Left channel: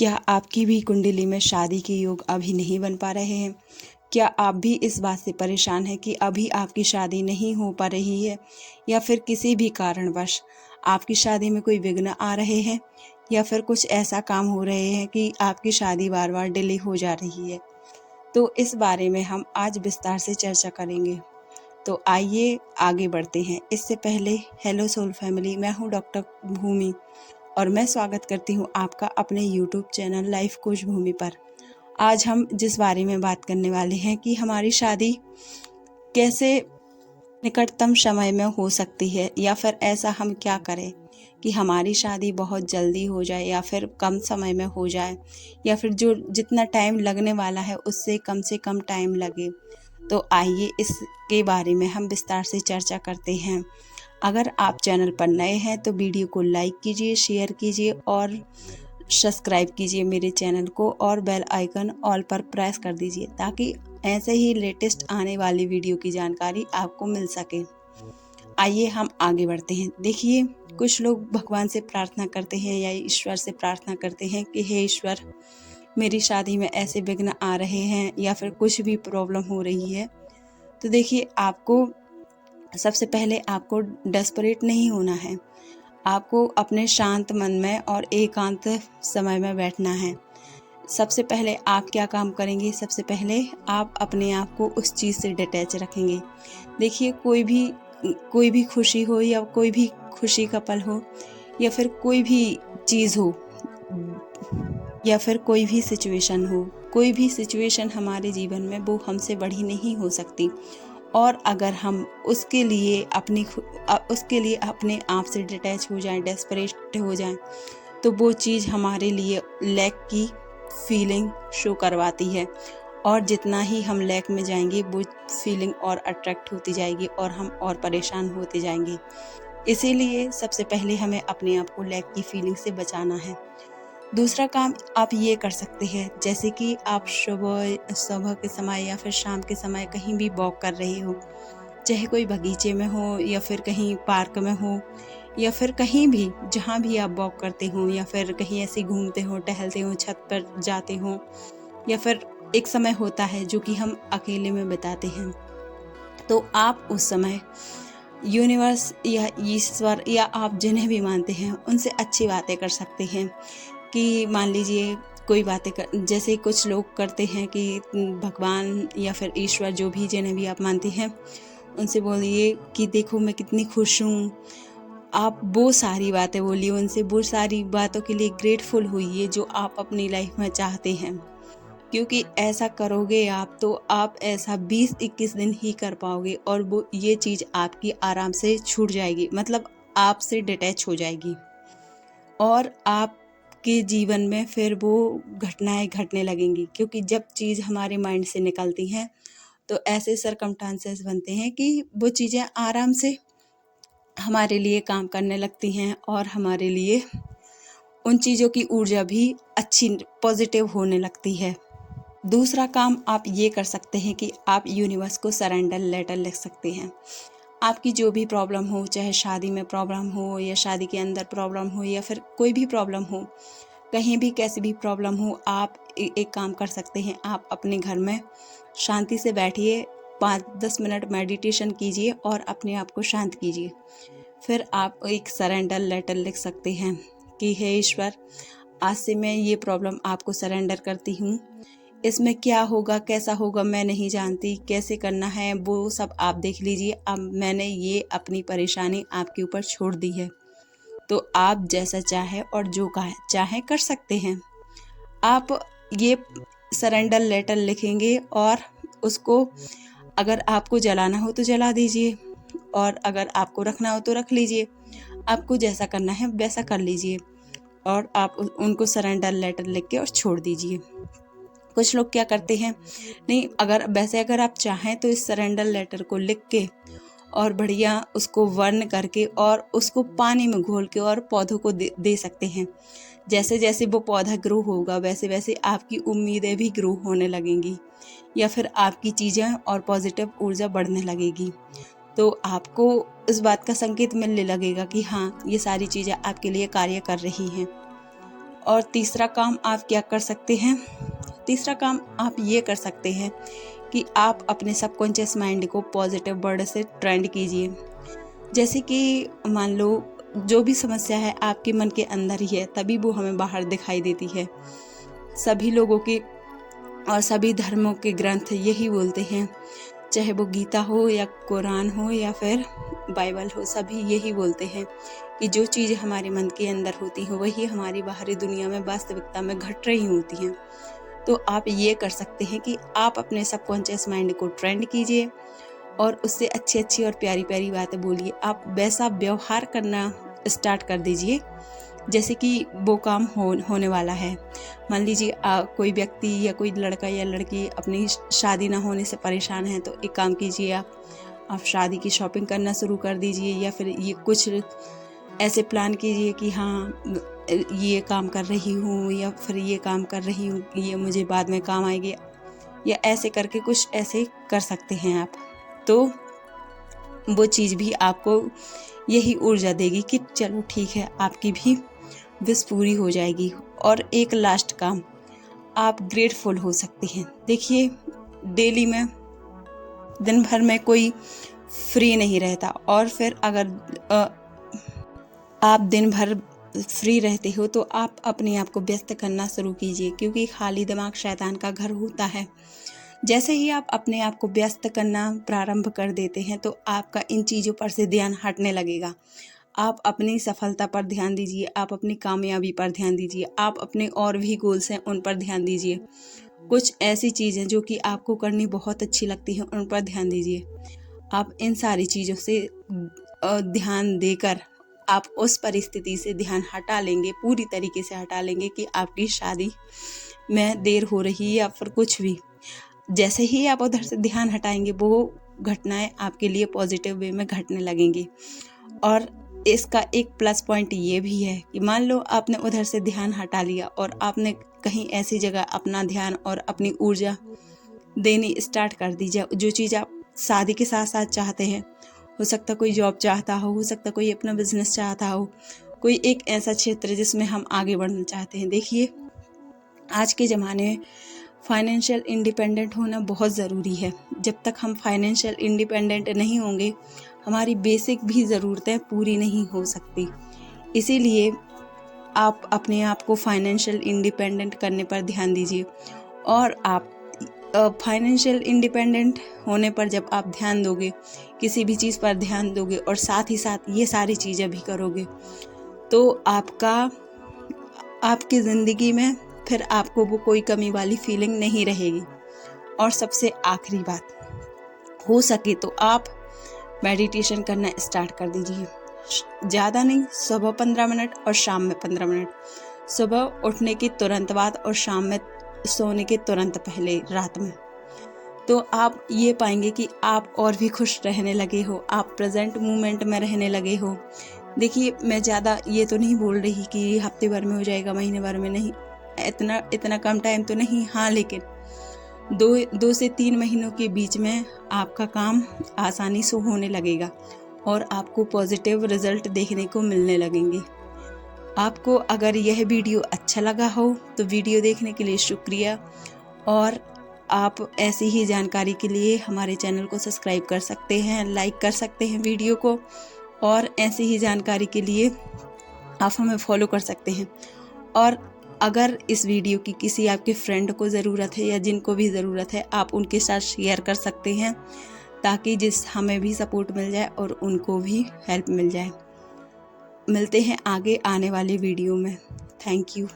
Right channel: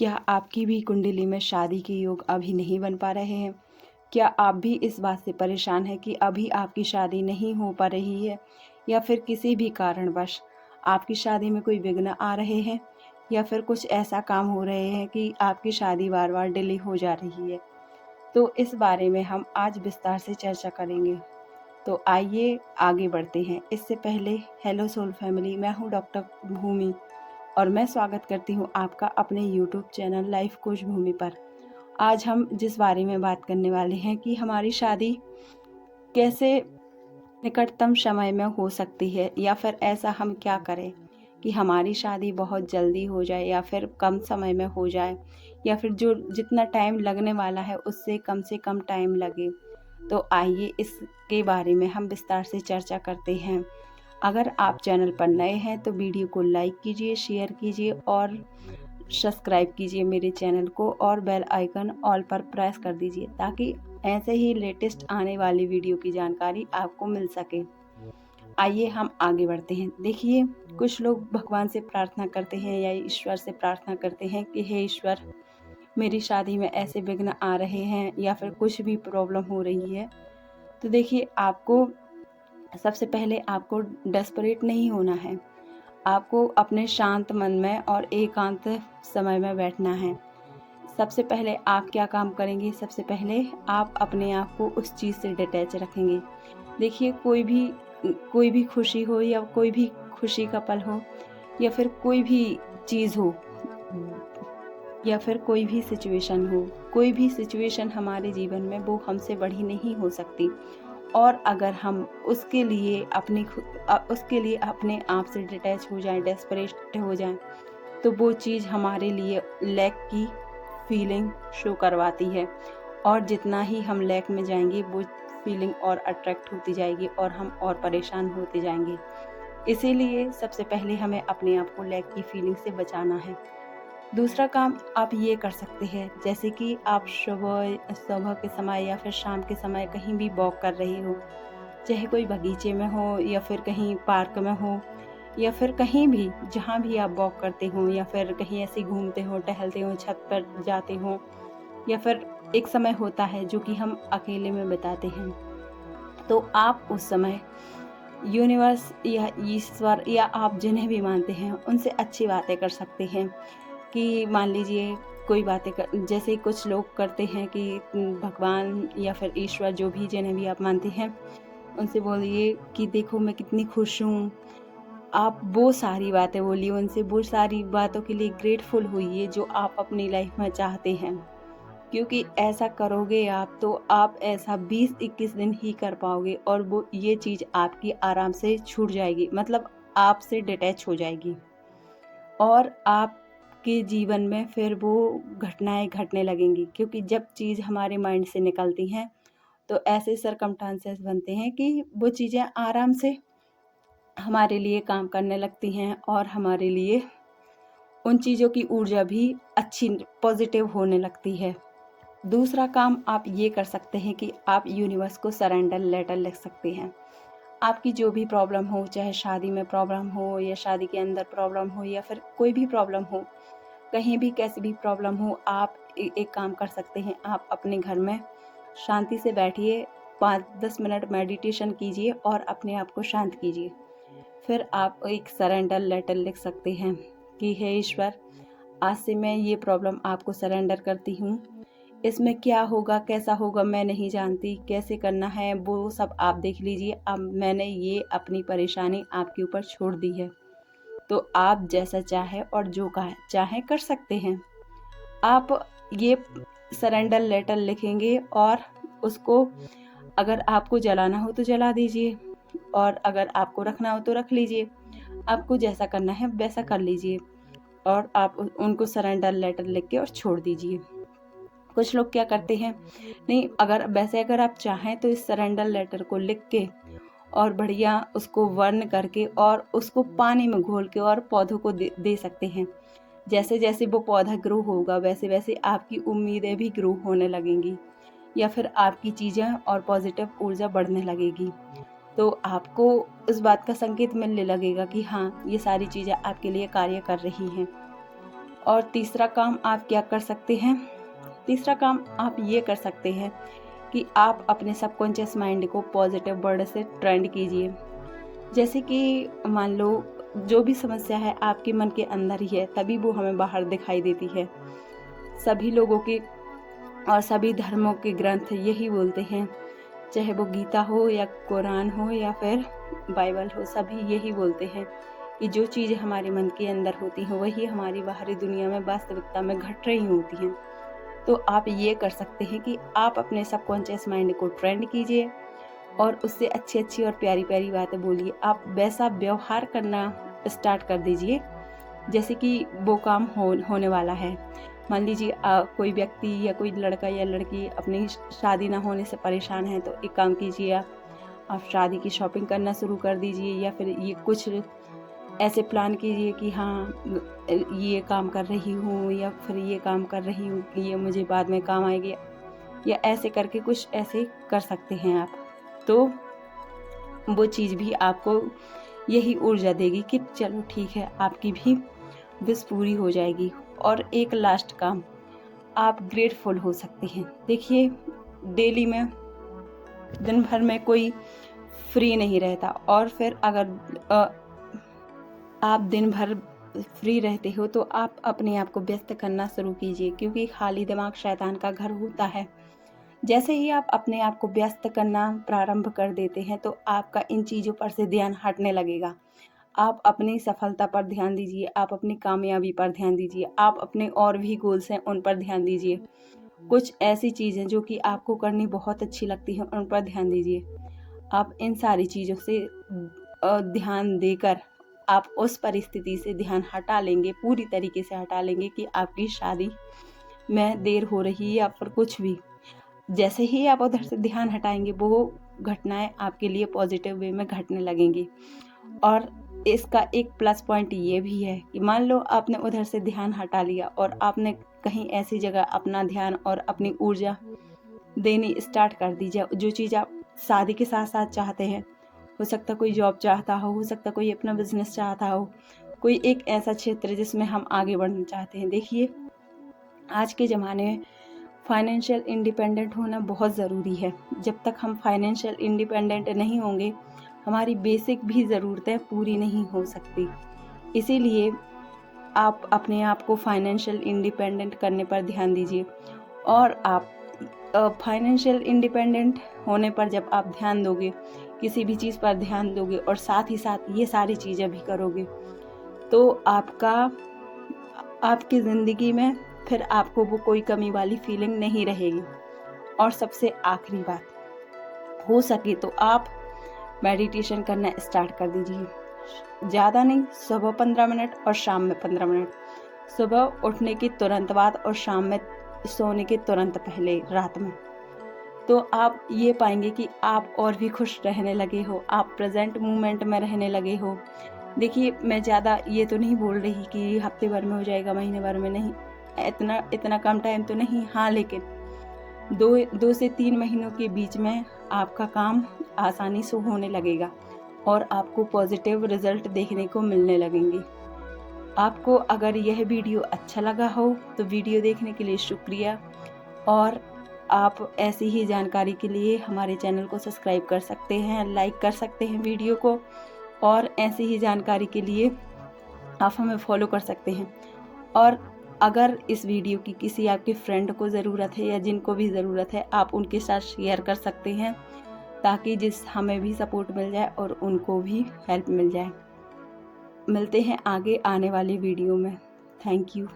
क्या आपकी भी कुंडली में शादी के योग अभी नहीं बन पा रहे हैं? क्या आप भी इस बात से परेशान हैं कि अभी आपकी शादी नहीं हो पा रही है, या फिर किसी भी कारणवश आपकी शादी में कोई विघ्न आ रहे हैं, या फिर कुछ ऐसा काम हो रहे हैं कि आपकी शादी बार-बार डिले हो जा रही है? तो इस बारे में हम आज विस्तार से चर्चा करेंगे। तो आइए आगे बढ़ते हैं। इससे पहले हेलो सोल फैमिली, मैं हूँ डॉक्टर भूमि और मैं स्वागत करती हूँ आपका अपने यूट्यूब चैनल लाइफ कोच भूमि पर। आज हम जिस बारे में बात करने वाले हैं कि हमारी शादी कैसे निकटतम समय में हो सकती है, या फिर ऐसा हम क्या करें कि हमारी शादी बहुत जल्दी हो जाए या फिर कम समय में हो जाए, या फिर जो जितना टाइम लगने वाला है उससे कम टाइम लगे। तो आइए इसके बारे में हम विस्तार से चर्चा करते हैं। अगर आप चैनल पर नए हैं तो वीडियो को लाइक कीजिए, शेयर कीजिए और सब्सक्राइब कीजिए मेरे चैनल को, और बेल आइकन ऑल पर प्रेस कर दीजिए ताकि ऐसे ही लेटेस्ट आने वाली वीडियो की जानकारी आपको मिल सके। आइए हम आगे बढ़ते हैं। देखिए, कुछ लोग भगवान से प्रार्थना करते हैं या ईश्वर से प्रार्थना करते हैं कि हे ईश्वर, मेरी शादी में ऐसे विघ्न आ रहे हैं या फिर कुछ भी प्रॉब्लम हो रही है। तो देखिए, सबसे पहले आपको डेस्परेट नहीं होना है। आपको अपने शांत मन में और एकांत समय में बैठना है। सबसे पहले आप क्या काम करेंगे? सबसे पहले आप अपने आप को उस चीज़ से डिटैच रखेंगे। देखिए, कोई भी खुशी हो या कोई भी खुशी का पल हो, या फिर कोई भी चीज़ हो, या फिर कोई भी सिचुएशन हमारे जीवन में वो हमसे बड़ी नहीं हो सकती। और अगर हम उसके लिए अपने आप से डिटैच हो जाएं, डेस्परेट हो जाएं, तो वो चीज़ हमारे लिए लैक की फीलिंग शो करवाती है, और जितना ही हम लैक में जाएंगे वो फीलिंग और अट्रैक्ट होती जाएगी और हम और परेशान होते जाएंगे। इसीलिए सबसे पहले हमें अपने आप को लैक की फीलिंग से बचाना है। दूसरा काम आप ये कर सकते हैं, जैसे कि आप सुबह के समय या फिर शाम के समय कहीं भी वॉक कर रहे हो, चाहे कोई बगीचे में हो या फिर कहीं पार्क में हो, या फिर कहीं भी जहाँ भी आप वॉक करते हो, या फिर कहीं ऐसे घूमते हो, टहलते हो, छत पर जाते हो, या फिर एक समय होता है जो कि हम अकेले में बिताते हैं। तो आप उस समय यूनिवर्स या ईश्वर या आप जिन्हें भी मानते हैं उनसे अच्छी बातें कर सकते हैं। कि मान लीजिए कोई बातें जैसे कुछ लोग करते हैं कि भगवान या फिर ईश्वर, जो भी जिन्हें भी आप मानते हैं, उनसे बोलिए कि देखो मैं कितनी खुश हूँ। आप वो सारी बातें बोलिए उनसे, वो सारी बातों के लिए ग्रेटफुल होइए जो आप अपनी लाइफ में चाहते हैं। क्योंकि ऐसा करोगे आप तो आप ऐसा 20-21 दिन ही कर पाओगे, और वो ये चीज़ आपकी आराम से छूट जाएगी, मतलब आपसे डिटैच हो जाएगी, और आपके जीवन में फिर वो घटनाएं घटने लगेंगी। क्योंकि जब चीज़ हमारे माइंड से निकलती हैं तो ऐसे सर्कमस्टांसेस बनते हैं कि वो चीज़ें आराम से हमारे लिए काम करने लगती हैं, और हमारे लिए उन चीज़ों की ऊर्जा भी अच्छी पॉजिटिव होने लगती है। दूसरा काम आप ये कर सकते हैं कि आप यूनिवर्स को सरेंडर लेटर लिख सकते हैं। आपकी जो भी प्रॉब्लम हो, चाहे शादी में प्रॉब्लम हो या शादी के अंदर प्रॉब्लम हो या फिर कोई भी प्रॉब्लम हो, कहीं भी कैसी भी प्रॉब्लम हो, आप एक काम कर सकते हैं। आप अपने घर में शांति से बैठिए, 5-10 मिनट मेडिटेशन कीजिए और अपने आप को शांत कीजिए। फिर आप एक सरेंडर लेटर लिख सकते हैं कि हे ईश्वर, आज से मैं ये प्रॉब्लम आपको सरेंडर करती हूँ। इसमें क्या होगा, कैसा होगा, मैं नहीं जानती, कैसे करना है वो सब आप देख लीजिए। अब मैंने ये अपनी परेशानी आपके ऊपर छोड़ दी है, तो आप जैसा चाहे और जो चाहे कर सकते हैं। आप ये सरेंडर लेटर लिखेंगे और उसको अगर आपको जलाना हो तो जला दीजिए, और अगर आपको रखना हो तो रख लीजिए। आपको जैसा करना है वैसा कर लीजिए, और आप उनको सरेंडर लेटर लिख के और छोड़ दीजिए। कुछ लोग क्या करते हैं, नहीं, अगर आप चाहें तो इस सरेंडर लेटर को लिख के और बढ़िया उसको वर्न करके और उसको पानी में घोल के और पौधों को दे सकते हैं। जैसे जैसे वो पौधा ग्रो होगा वैसे वैसे आपकी उम्मीदें भी ग्रो होने लगेंगी, या फिर आपकी चीज़ें और पॉजिटिव ऊर्जा बढ़ने लगेगी। तो आपको इस बात का संकेत मिलने लगेगा कि हाँ, ये सारी चीज़ें आपके लिए कार्य कर रही हैं। और तीसरा काम आप क्या कर सकते हैं, तीसरा काम आप ये कर सकते हैं कि आप अपने सबकॉन्शियस माइंड को पॉजिटिव वर्ड से ट्रेंड कीजिए। जैसे कि मान लो जो भी समस्या है आपके मन के अंदर ही है, तभी वो हमें बाहर दिखाई देती है। सभी लोगों के और सभी धर्मों के ग्रंथ यही बोलते हैं, चाहे वो गीता हो या कुरान हो या फिर बाइबल हो, सभी यही बोलते हैं कि जो चीज़ें हमारे मन के अंदर होती हैं वही हमारी बाहरी दुनिया में वास्तविकता में घट रही होती हैं। तो आप ये कर सकते हैं कि आप अपने सबकॉन्शियस माइंड को ट्रेंड कीजिए और उससे अच्छी अच्छी और प्यारी प्यारी बातें बोलिए। आप वैसा व्यवहार करना स्टार्ट कर दीजिए जैसे कि वो काम होने वाला है। मान लीजिए कोई व्यक्ति या कोई लड़का या लड़की अपनी शादी ना होने से परेशान है, तो एक काम कीजिए, आप शादी की शॉपिंग करना शुरू कर दीजिए, या फिर ये कुछ ऐसे प्लान कीजिए कि हाँ ये काम कर रही हूँ या फिर ये काम कर रही हूँ, ये मुझे बाद में काम आएगी, या ऐसे करके कुछ ऐसे कर सकते हैं आप। तो वो चीज़ भी आपको यही ऊर्जा देगी कि चलो ठीक है, आपकी भी विश पूरी हो जाएगी। और एक लास्ट काम, आप ग्रेटफुल हो सकते हैं। देखिए, डेली में दिन भर में कोई फ्री नहीं रहता, और फिर अगर आप दिन भर फ्री रहते हो तो आप अपने आप को व्यस्त करना शुरू कीजिए, क्योंकि खाली दिमाग शैतान का घर होता है। जैसे ही आप अपने आप को व्यस्त करना प्रारंभ कर देते हैं तो आपका इन चीज़ों पर से ध्यान हटने लगेगा। आप अपनी सफलता पर ध्यान दीजिए, आप अपनी कामयाबी पर ध्यान दीजिए, आप अपने और भी गोल्स हैं उन पर ध्यान दीजिए। कुछ ऐसी चीज़ें जो कि आपको करनी बहुत अच्छी लगती हैं उन पर ध्यान दीजिए। आप इन सारी चीज़ों से ध्यान देकर आप उस परिस्थिति से ध्यान हटा लेंगे, पूरी तरीके से हटा लेंगे कि आपकी शादी में देर हो रही है या फिर कुछ भी। जैसे ही आप उधर से ध्यान हटाएंगे वो घटनाएं आपके लिए पॉजिटिव वे में घटने लगेंगी। और इसका एक प्लस पॉइंट ये भी है कि मान लो आपने उधर से ध्यान हटा लिया और आपने कहीं ऐसी जगह अपना ध्यान और अपनी ऊर्जा देनी स्टार्ट कर दी, जो चीज़ आप शादी के साथ साथ चाहते हैं। हो सकता कोई जॉब चाहता हो सकता कोई अपना बिजनेस चाहता हो, कोई एक ऐसा क्षेत्र जिसमें हम आगे बढ़ना चाहते हैं। देखिए, आज के ज़माने में फाइनेंशियल इंडिपेंडेंट होना बहुत ज़रूरी है। जब तक हम फाइनेंशियल इंडिपेंडेंट नहीं होंगे, हमारी बेसिक भी ज़रूरतें पूरी नहीं हो सकती। इसीलिए आप अपने आप को फाइनेंशियल इंडिपेंडेंट करने पर ध्यान दीजिए। और आप फाइनेंशियल इंडिपेंडेंट होने पर जब आप ध्यान दोगे, किसी भी चीज़ पर ध्यान दोगे और साथ ही साथ ये सारी चीज़ें भी करोगे, तो आपकी ज़िंदगी में फिर आपको वो कोई कमी वाली फीलिंग नहीं रहेगी। और सबसे आखिरी बात, हो सके तो आप मेडिटेशन करना स्टार्ट कर दीजिए। ज़्यादा नहीं, सुबह 15 मिनट और शाम में 15 मिनट। सुबह उठने के तुरंत बाद और शाम में सोने के तुरंत पहले रात में। तो आप ये पाएंगे कि आप और भी खुश रहने लगे हो, आप प्रेजेंट मोमेंट में रहने लगे हो। देखिए, मैं ज़्यादा ये तो नहीं बोल रही कि हफ्ते भर में हो जाएगा, महीने भर में नहीं, इतना कम टाइम तो नहीं। हाँ, लेकिन 2 से 3 महीनों के बीच में आपका काम आसानी से होने लगेगा और आपको पॉजिटिव रिजल्ट देखने को मिलने लगेंगे। आपको अगर यह वीडियो अच्छा लगा हो तो वीडियो देखने के लिए शुक्रिया। और आप ऐसी ही जानकारी के लिए हमारे चैनल को सब्सक्राइब कर सकते हैं, लाइक कर सकते हैं वीडियो को, और ऐसी ही जानकारी के लिए आप हमें फॉलो कर सकते हैं। और अगर इस वीडियो की किसी आपके फ्रेंड को ज़रूरत है या जिनको भी ज़रूरत है, आप उनके साथ शेयर कर सकते हैं, ताकि हमें भी सपोर्ट मिल जाए और उनको भी हेल्प मिल जाए। मिलते हैं आगे आने वाली वीडियो में। Thank you.